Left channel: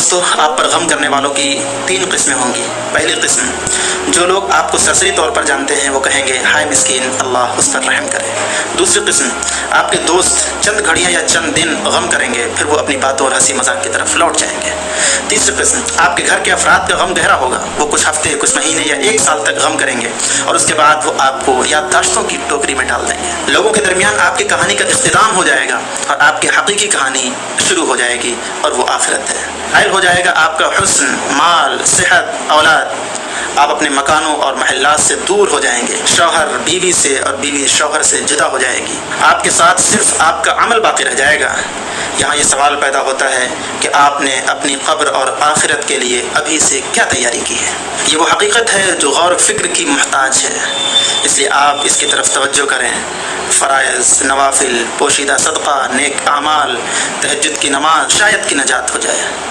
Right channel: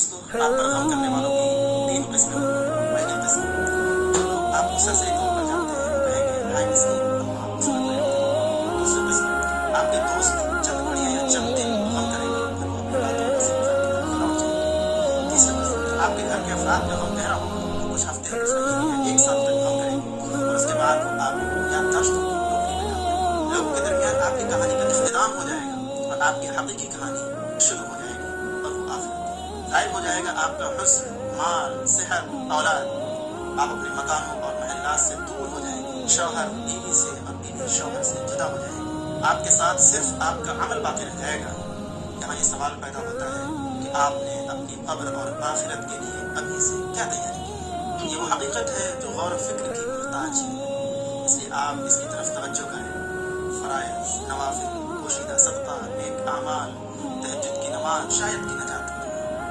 दोस्तों, आप पर गम करने वालों की 3 किस्में होंगी। पहली किस्म, जो लोग आपको ससरी तौर पर जानते हैं वो कहेंगे हाय मिस्कीन, अल्लाह उस पर रहम करे। दूसरी किस्म, आपके दोस्त चंद घड़ियाँ या चंद दिन गम करेंगे, फिर वो अपनी बातों और हंसी मजाक की तरफ लौट जाएंगे। तीसरी किस्म, आपके घर के अफराद का गम गहरा होगा, वो कुछ हफ्ते, कुछ महीने या 1 साल तक गम करेंगे और उसके बाद वो आपको याददाश्तों की टोकरी में डाल देंगे। लोगों के दरमियान आपकी कहानी का इख्तिताम हो जाएगा और आपकी हकीकी कहानी शुरू हो जाएगी और वो आखिरत है। हायल हो जाएगा आपका हुस्न, माल, सेहत, औलाद। आप अपने मकानों और महल्लात से दूर हो जाएंगे। शौहर बीवी से और बीवी शौहर से जुदा हो जाएगी। आपके साथ सिर्फ आपका अमल बाकी रह जाएगा। यहाँ ये सवाल पैदा होता है कि आपने अपनी कब्र और आखिरत के लिए अभी से क्या तैयारी की है। ये वो हकीकत है जो गौर फिक्र की मोहताज है, इसलिए आप इसकी तरफ तवज्जो करें। फ़राइज़, नवाफिल, पोशीदा सदका, नेक आमाल, तहज्जुद की नमाज, शायद की नजात हो जाए।